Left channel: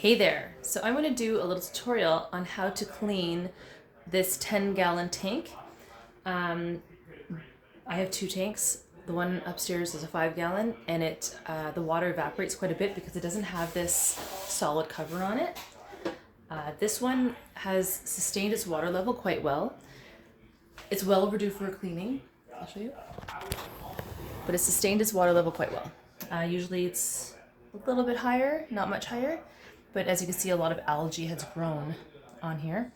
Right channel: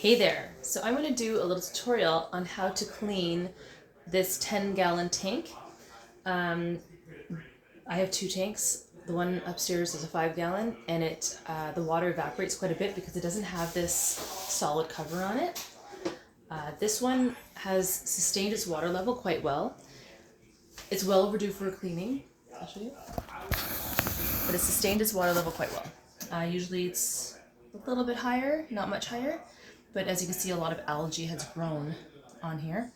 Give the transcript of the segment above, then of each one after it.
Hey there! So I'm going to do a little tutorial on how to clean this 10-gallon tank. I have two tanks. The one upstairs is a 5-gallon, and the water evaporates quite a bit because it doesn't have this solid cover on it. This one has sustained its water level quite well. It's well overdue for a cleaning. I'll show you. But it's sustained its water level quite well. Usually it's a little bit higher, not much higher. But as you can see, a lot of algae has grown on here.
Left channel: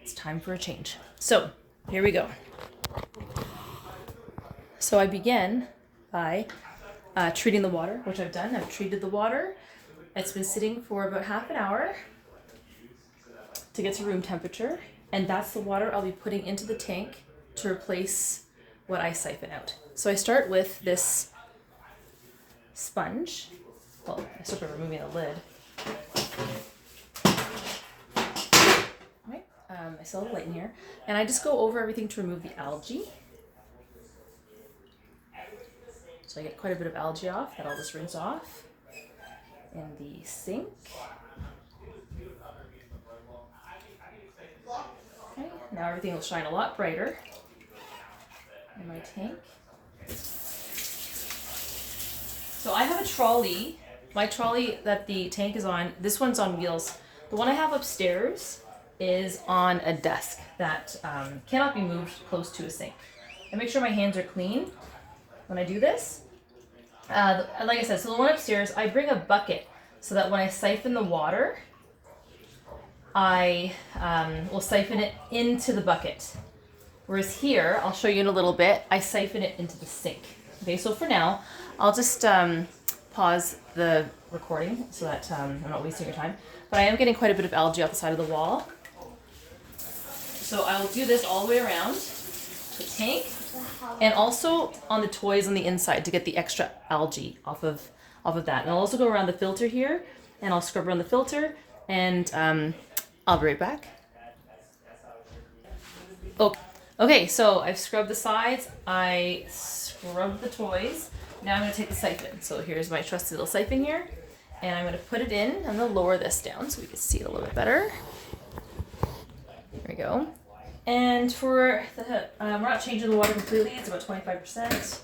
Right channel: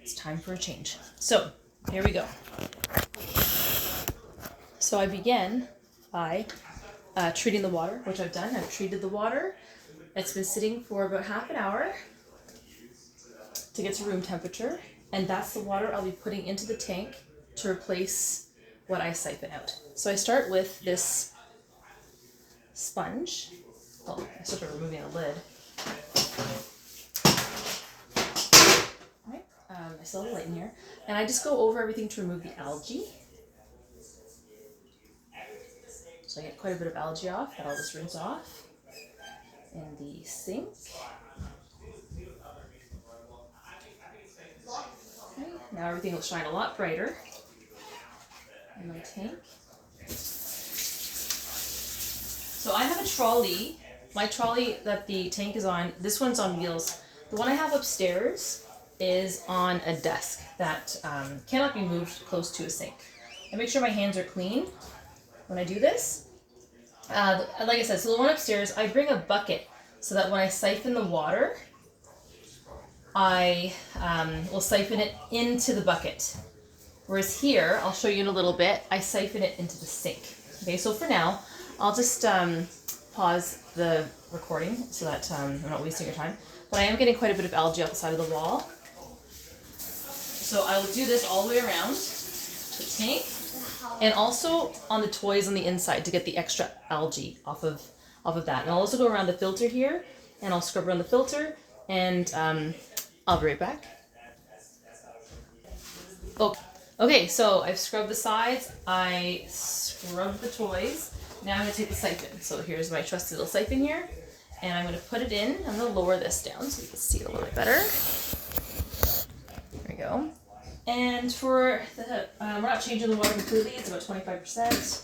It's time for a change. So here we go. So I begin by treating the water, which I've done. I've treated the water. It's been sitting for about half an hour to get to room temperature. And that's the water I'll be putting into the tank to replace what I siphon out. So I start with this sponge. Well, I start by removing the lid. Right. I still have a light in here. And I just go over everything to remove the algae. So I get quite a bit of algae off that I'll just rinse off in the sink. Okay, now everything will shine a lot brighter in my tank. So I have a trolley. My trolley that the tank is on, this one's on wheels. The one I have upstairs is on a desk that cannot be moved close to a sink. I make sure my hands are clean when I do this. Like I said, so the one upstairs, I bring a bucket so that when I siphon the water, I will siphon it into the bucket. Whereas here, I'll show you in a little bit, I siphon it into the sink. Okay, so for now, I'll just pause the recording so that I'm not wasting your time. But I am getting quite a bit of algae off the side of the wall. So I will do this all the way around the tank and also on the toys on the inside to get the extra algae off of that. And I'll also go around the filter here and I'll scrub around the filter and I'll be right back. Oh, okay, so I've scrubbed the sides, I scrubbed the toys. Now I'm going to take the siphon. So here's my trusty little siphon here. And I'm going to put it in. I'm going to lower this down so we can see it a little bit better. There we go. And for the, we're not changing the water completely. It's about 25%.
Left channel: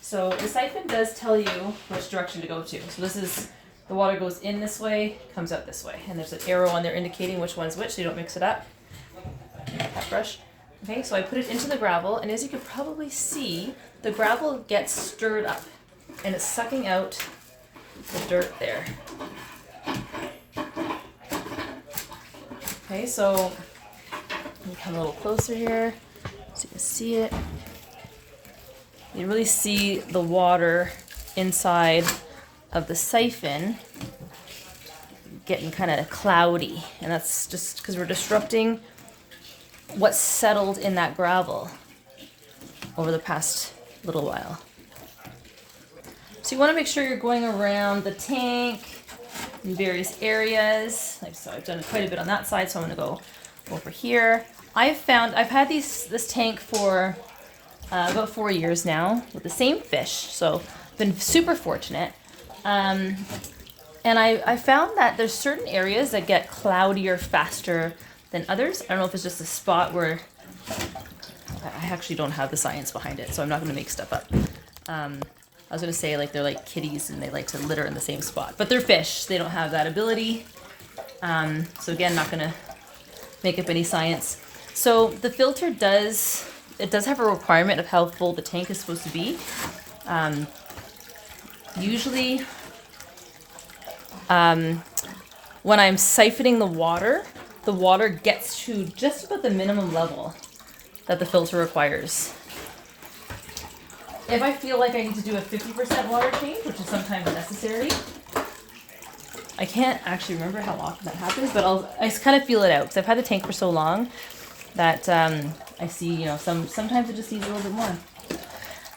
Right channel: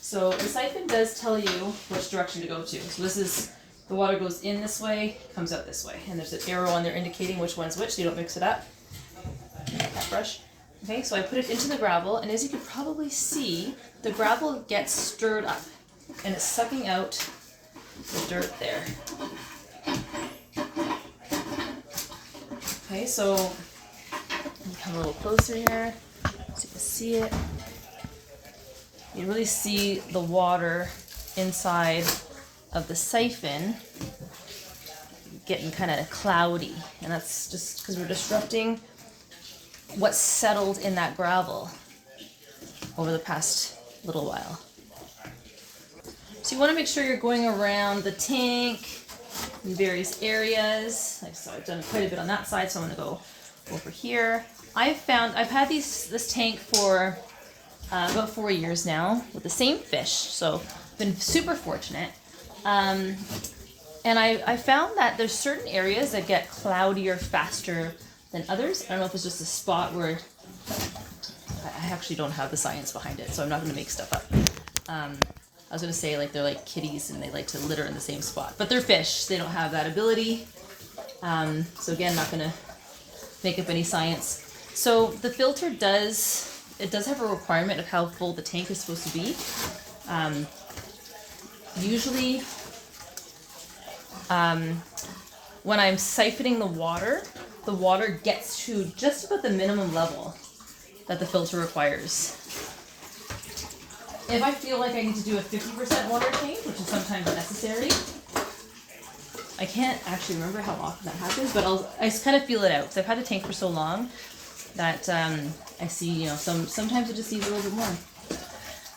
So the siphon does tell you which direction to go to. So this is, the water goes in this way, comes out this way. And there's an arrow on there indicating which one's which so you don't mix it up. That brush. Okay, so I put it into the gravel. And as you can probably see, the gravel gets stirred up and it's sucking out the dirt there. Okay, so let me come a little closer here so you can see it. You really see the water inside of the siphon getting kind of cloudy, and that's just because we're disrupting what's settled in that gravel over the past little while. So you want to make sure you're going around the tank in various areas. Like so, I've done quite a bit on that side, so I'm going to go over here. I've had this tank for about 4 years now with the same fish, so I've been super fortunate. And I found that there's certain areas that get cloudier faster than others. I don't know if it's just a spot where I actually don't have the science behind it, so I'm not going to make stuff up. I was going to say like they're like kitties and they like to litter in the same spot, but they're fish. They don't have that ability. So again, not going to make up any science. So the filter does have a requirement of how full the tank is supposed to be. Usually, when I'm siphoning the water gets to just about the minimum level that the filter requires. If I feel like I need to do a 50% water change, which is sometimes necessary, I can't actually remember how often that happens, but I just kind of feel it out because I've had the tank for so long that I see, sometimes it just needs a little bit more.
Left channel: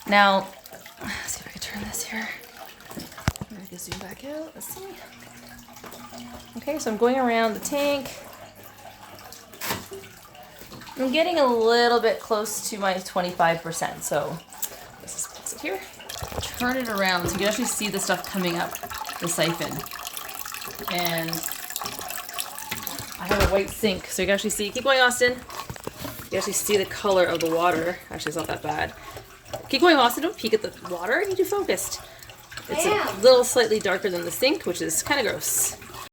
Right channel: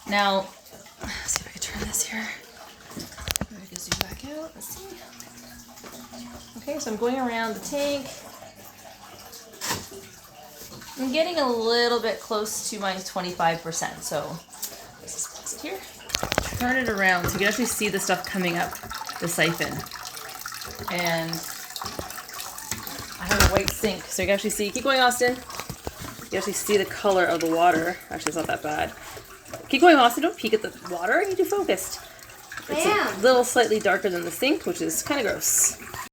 Now, let's see if I can turn this here. Maybe I can zoom back out. Let's see. Okay, so I'm going around the tank. I'm getting a little bit close to my 25%, so let's just place it here. Turn it around so you can actually see the stuff coming up the siphon. And I have a white sink, so you can actually see. Keep going, Austin. You can actually see the color of the water. Actually, it's not that bad. Keep going, Austin. Don't peek at the water. I need you focused. It's a little slightly darker than the sink, which is kind of gross.